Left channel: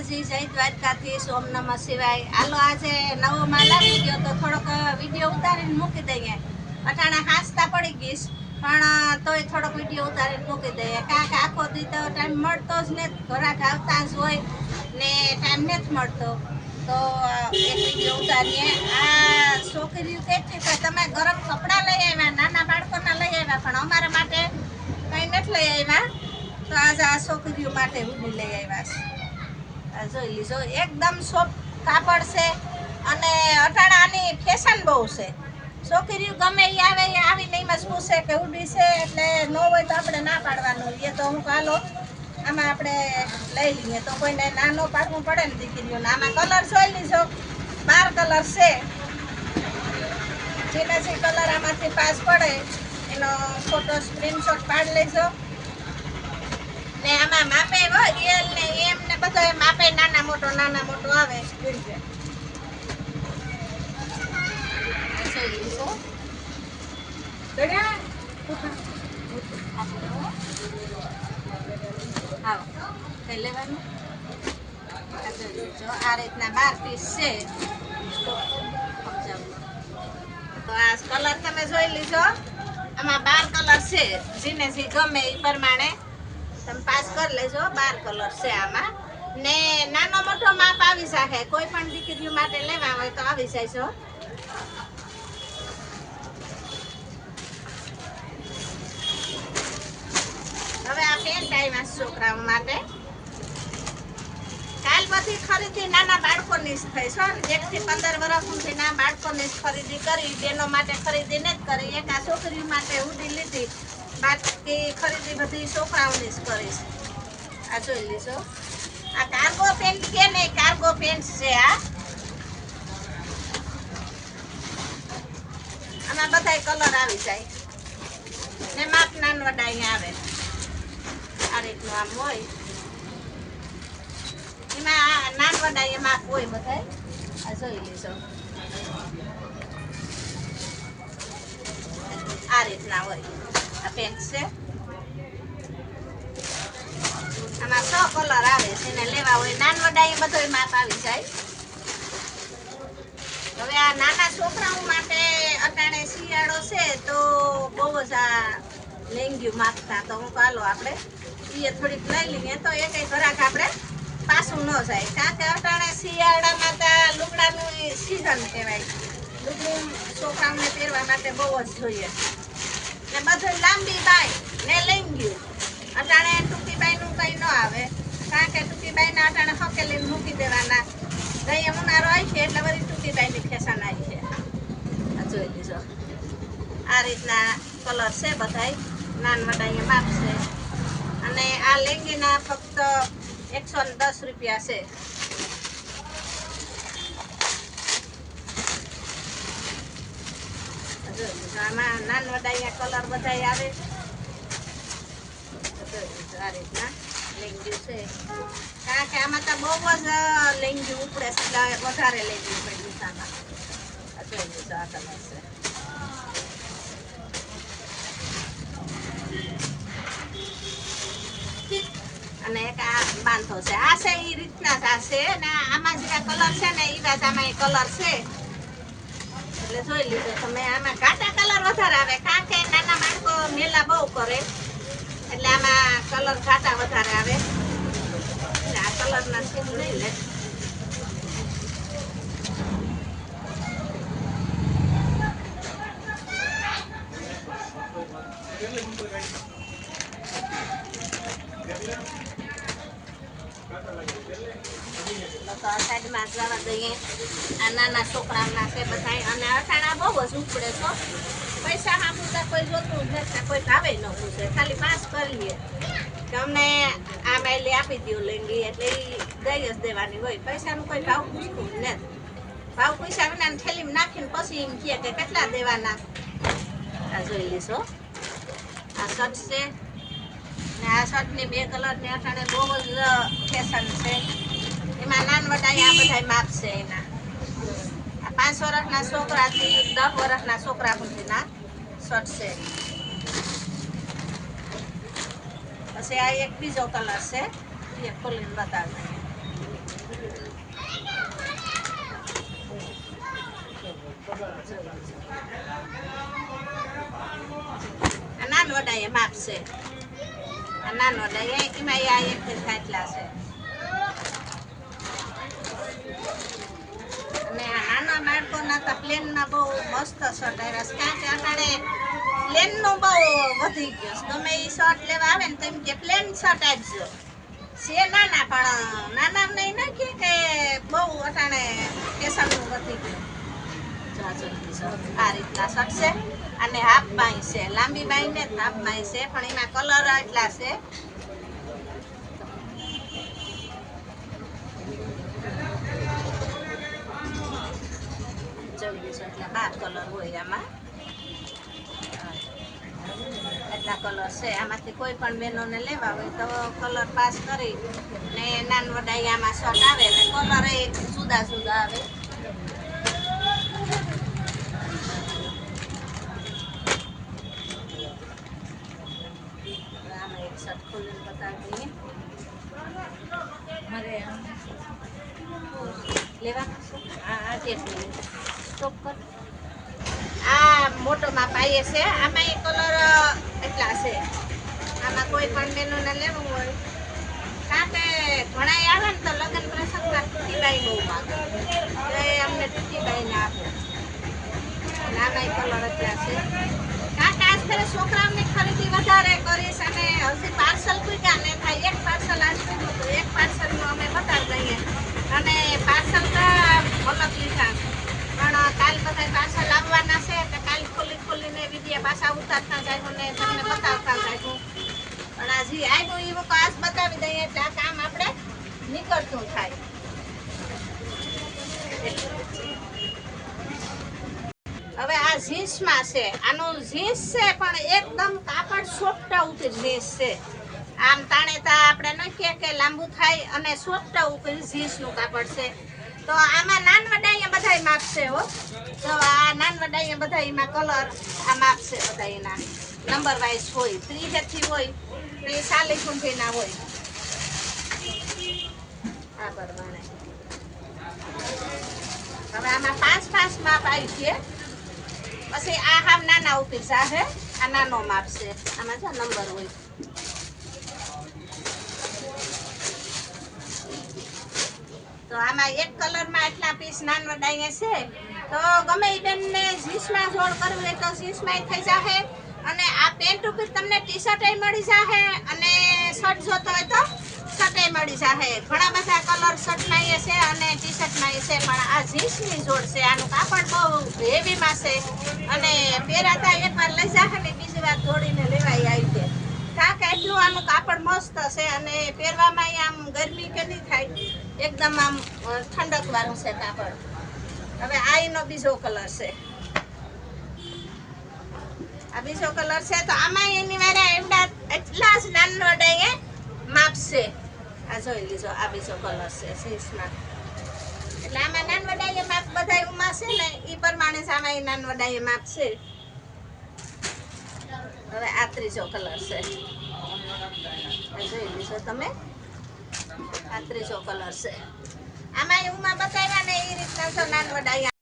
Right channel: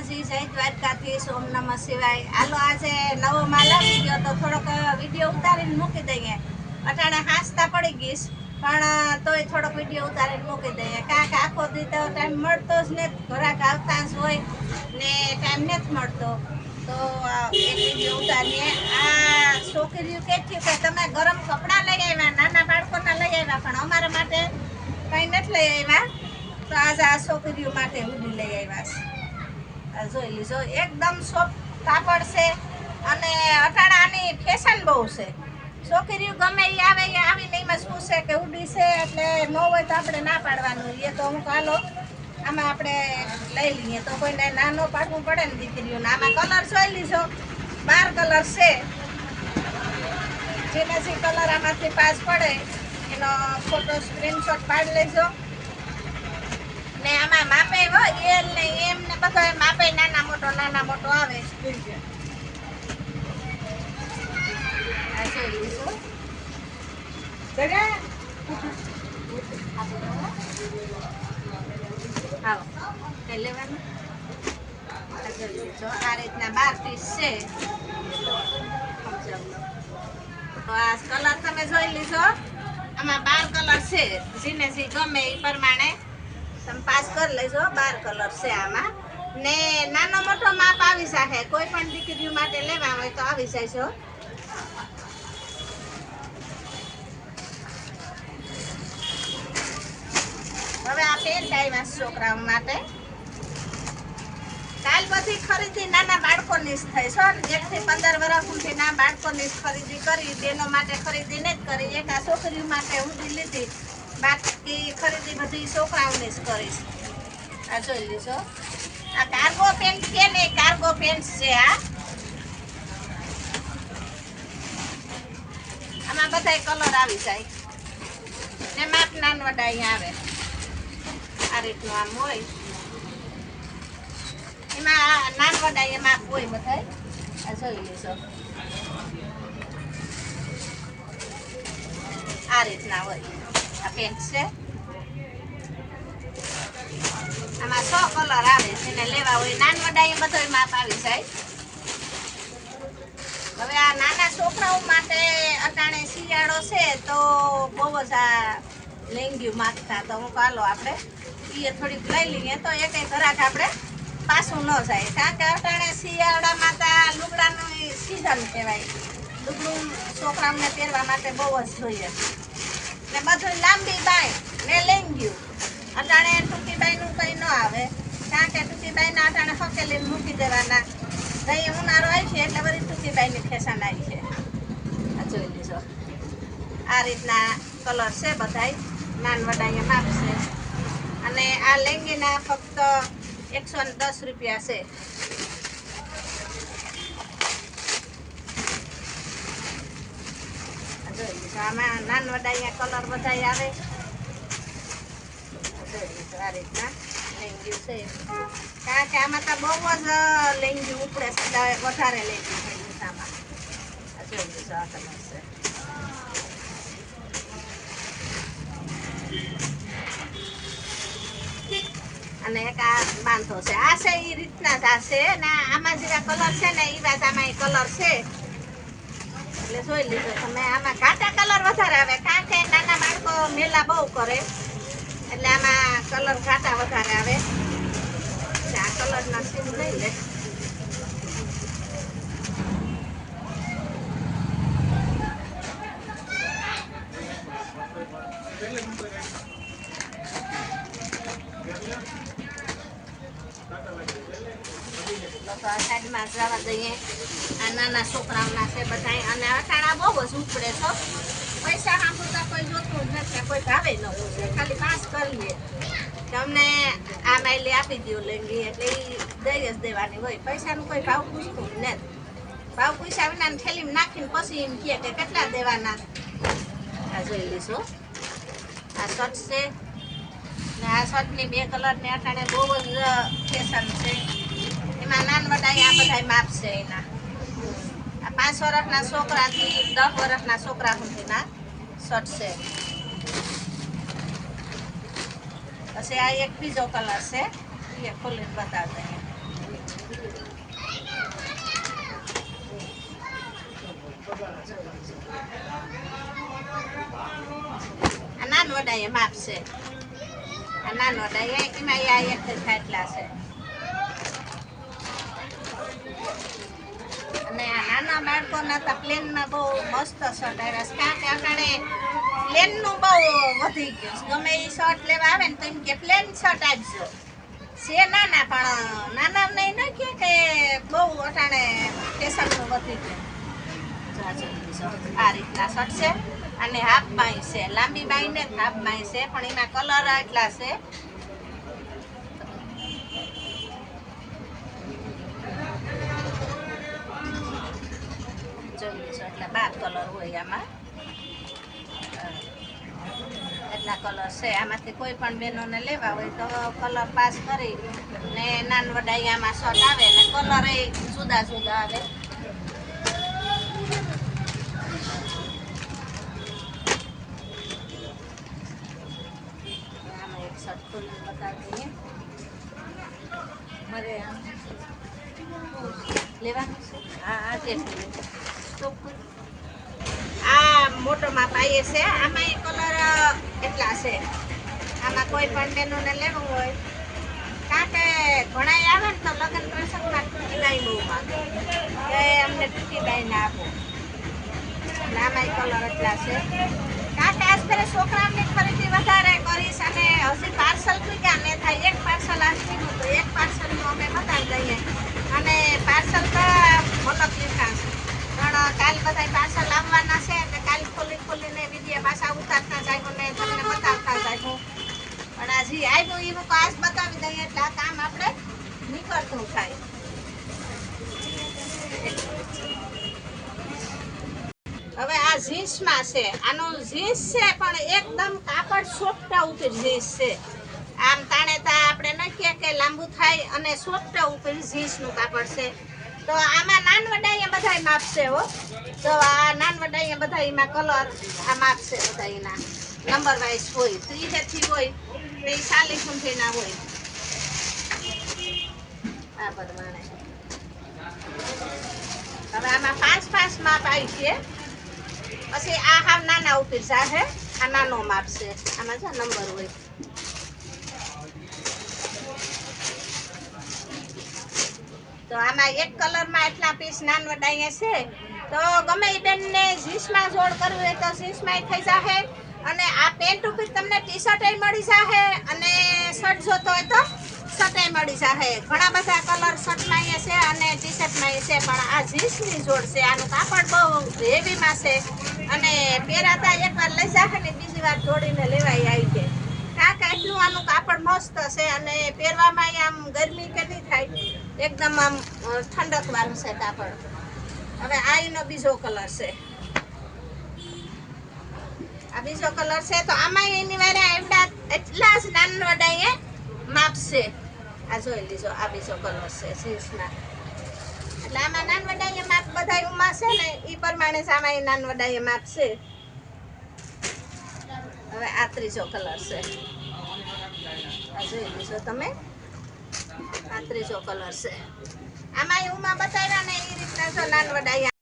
માતાજી, જય દ્વારકાથી સોમ નમઃ શિવાય. હાલો, આજે નવો માલ આવી ગયો, તો થોડોક વીડિયો ઉતારીને મૂકી દઈએ. અટાણે હાંસતા પડી ગઈશ, પણ તોય થોડોક વીડિયો ઉતારીને મૂકી દઈએ. કારણ કે આખો દી ટાઈમ મળતો જ નથી ઘરાક આવતા જ હોય ને ટાઈમ નથી મળતો. તો એક વીડિયો ઉતારીએ. આ છોકરીઓ કેટલી કે તમે ગરમ કપડાં લઈ આવ્યા, નાના બાળકોના લઈ આવ્યા, પણ અમારા માટે કંઈ નથી લઈ આવ્યા. તો આજે આ છોકરીઓ માટે હુડી લઈ આવ્યા છે. જોઈ લીધો એકદમ સોફ્ટ કાપડ છે અને અટાણાની ફેશન બહુ છે. છોકરીઓ ગમે એ આવે એ આવીને એમાં શું છે કે ઉડી છે એટલે ન હોય તો આપણે ના પાડવાનું એ તો હું કાલો આમાં આપણે લઈ લઈએ. તો કોઈને ના ન પાડવું પડે ને દીકરીઓને. આમાં કલર જોઈ લીધો બાર કલર છે. જેને જે કલર આમાંથી પાસ પડે, એનો ફોટો સ્ક્રીનશોટ પાડી લેજો. ને આમાં માપે ગો એલ ને એમ બધો એમ આપે નાના મોટો નાના મોટો આવે. લેવાનું આ રીતના બાર પીસ છે. તો આ કલર તમે જોઈ લીધો. આમાં બાર કલર છે. જેને જે ગમે એ પ્રમાણે. તમે પાસ કરી લેજો, બાર કલર છે આમાં. ને નાનો મોટો માપ આવી શકે કોઈ પણ દીકરીઓ માટે લેવા હોય તો આવી જાય હવે આ પેન્ટ આવ્યા છોકરાઓ માટે. કાલ પછી ખરીદી નાના બાળકોની જ થઈ છો. ને એક થી પંદર વર્ષ સુધી ના બાળકોની જ ખરીદી કરી, બેનો માટે ખરીદી જ કરી. એક આ છોકરીઓ માટે ઉડી લીધી. બાકી ખરીદી બધી છોકરાઓની જ કરીશ આ જોઈ લીધો આ કાર્ગો પેન્ટ કે ને કાર્ગો પેન્ટ છે આ આમાં બધાય કલર આવી જાય ને માપ નાનવડા અહીંયા આવે આ રીતનું આમ હોય એમાં આ નાનવડા એ માપ હોય બધાય આ જોઈ લેજો આ રીતના હોય આ પેન્ટ છે આમાં સો કલર આવે છે ને લેવા હોય નાનવડા એ બધો માપ આવી જાય. હવે આ નાના છોકરાઓ માટે અટાણે શિયાળો છે તો બહુ જ આ લેંગ્યું માગતા તો હું કાલો આપણે. એ થોડીક લઈ લઈએ તો એ કંઈ ઘરાક આપણે પાછું ન જાય. કારણ કે અટાણે શિયાળામાં તો લુગડાનું સિઝન કહેવાય. લુગડું છોકરાઓને પહેરવા માટે બહુ જ જોઈએ. ને બધું લાંબી બાય ને લેંગ્યું. અટાણે ટૂંકી આવે. કારણ કે ટૂંકીબાઈ ના અટાણે હકેલી મૂકી દેવાના. અહીં ઉનાળો આવી છે એટલે બધી ટૂંકીબાઈની ફેશન આવી છે. આ જોઈ લીધો. આ રીતના કલર છે બધાય. નાનવડા અહીંયા માપ છે અને આ લેંગીના ફક્ત એકસો દસ રૂપિયા છે. આમાં નાનવડા અહીંયા કલર બધાય આવે. આ રીતના. કારણ કે આમાં તો બહુ જ લેંગી ઉપડે છે. વધારે અને એક આ બાંધો છે. આ છે એ રીતના જ આ છે. અને આમાં જે કલર છે ને એ વાત આમાં કલર છે. એટલે જોઈ લીધો તમે. આમાં ઘાટા કલર વધારે આવે. કારણ કે નાના બાળકો મેલા બહુ કરે. એટલે આમાં કલર ઘાટા વધારે આવે. એટલે આ કલરના સીમ લઈ લે. તો આ સાઈડમાં જવા દઈએ. આ નાના છોકરાઓના છે બધા અને અઠાણા બહુ જ ઉપડે છો પૈસા તો કોઈ જોતું જ નથી, કોઈ ભાવે ન પૂછે. ખાલી પાસ કરીએ. તમને આ માઇલી આપી દો લેંગી એટલે એ દઈ જ દેવાની હોય. પૈસાનું કોઈ ભાવ પૂછતું જ નથી. ભાવ પૂછ્યા વિના થેલીમાં નાખીને પછી એમ કહે કે કેટલા દેવાના. આ જોઈ લેશો આ શર્ટ છે ને આ શર્ટની બે કલરની અટાણે બહુ જ ફેશન છે. એમાં નાનવડા આ બધા માપ છે એના. પાંચ વર્ષના છોકરાથી, દસ વર્ષના છોકરા સુધીના શર્ટ છે. પછી આ એક બીજો કલર છે એ ખોલીને બતાવજો આ નાનવડાએ માપ છે. આ નાનવડાએ એમાં આ એક થાય એટલા છે. બાળકોના તો પ્લેનમાં બહુ મસ્ત શર્ટ આવ્યા છે. કારણ કે અટાણે પ્લેનનું બહુ વધી ગયું છે. ગમે એ શર્ટ લેવા આવે ને તો એમ કે પ્લેન શર્ટ આપજો. છે નાના, પણ નાના નહીં ન કે બહુ અટાણે ફેશનનું વધી ગયું. આ રીતના શર્ટ છે. અને હાફ બાઈ છે. લાંબી બાઈ ને હાફ બાઈ છે. પણ એના કલર એટલા છે. જોઈ એટલે બાર કલર હોય આમાં. એટલા કલર છે આમાંથી કોઈ પણ બહેનોને લેવા હોય તો કલર પાસ કરી ને નાનવડા આમાં શર્ટ આવે ને કલર એ જુદા જુદા આવે હવે આમાં એક શર્ટ ખોલીને બતાવી દઈએ મારે આમ લેવાનું છે હા આ કેટલું સ્ટોપ કર આ મોટો માપ આવીએ છે. આમાં એ કલર એટલા છે. આમાં કોઈ પણ બેનોને લેવું હોય. કારણ કે ઘણા આવે ને તો લગ્ન પ્રસંગમાં ટૂંકી બાઈ બહુ માગે. કે અમને ટૂંકી બાઈને આપો. અને આમાં કલર એટલા છે. કારણ કે આજકાલ છોકરાઓની ખરીદી વધારે કરીશ અને હજી પાર્સલ પૂગ્યા ને થાય એક પાર્સલ આજ પૂગ્યું તો એક પાર્સલનું અમે બતાવી દઈએ. અને પાર્સલ તો અલગ લીધા છે. પણ કાલ બધા પાર્સલ આવવાના છે ખોલી ખોલીને વીડિયો પાછા ઉતારતા જાય ને તમને બતાવતા જાય પણ આ જે એ વખત આજ બતાવી દઈએ એટલે આ કામ આપણે નીકળતું થાય. હવે આ જીન્સમાં છે, આનો જીન્સ છે પણ એકદમ કાપડ સોફ્ટા ઉપર જીન્સ છે. આમ તાણે તા આપણે નાખીએ કે લાંબુ થાય અને સોફ્ટા ઉપર જીન્સનું કાપડ છે. તો આમાં નાન વડાઈએ બધાય માપ છે હો. તો આ નાન બધા એમાં કલર આ માપશે બધા એના. નંબર વાઇઝ હોય ત્રીસેથી હોય, ને ચાલીસ ઊંધીના હોય. આ પ્રમાણે હવે આમાં પાંચ પાંચ માપ આવી છે. પછી આ હાવ નાના ઉપીર જાહે આ નાનો માપ છે. આમાં છે નંબર હોય. આમાં એક કલરમાં એટલા પીસ નાન વડાઈએ છે. તો ગમે એ બેનને જીન્સમાં જોડ કરવી હોય તો જીન્સમાં થઈ જશે અને આ પેન્ટ ઉપર તમને ટી શર્ટ મળી જાહે અને શર્ટ જોતો હોય તો શર્ટ મળી જશે ઘણા બધા કલર શર્ટમાં છે અને ટી શર્ટમાં છે, પણ આ જીન્સની જોડ છે. આનું કાપડ બહુ હેવીમાં છે. અને પહેરાતા એકવાર લઈ જશે ને બીજી વાર જોડીને લેવાય આવી છે કારણ કે એટલું આનું કાપડ મસ્ત છે અને પહેરવામાં આમ ગરમી કે નહીં થાય. એકદમ આમ ઠંડક વાળું છે કાપડ. હવે આ એનો બીજો કલર છે. આ બીજો કલર છે તો આમાં એની વારે એવડા એટલા જ નાના વડાઈએ માપશે આ જોઈ લીજો, આ બીજો કલર છે સીસમાં એટલે આમાં નાન વડાઈએ માપ બધા ઉમાશે ને એ પ્રમાણે આમાં એ નાન વડાઈએ માપ હવે આ ત્રીજો કલર છે. આ જોઈ લીધો તમે. આ ત્રીજો કલર છે. આમાં ઉમાં બતાવ્યા ને એ રીતના નાન વડાઈ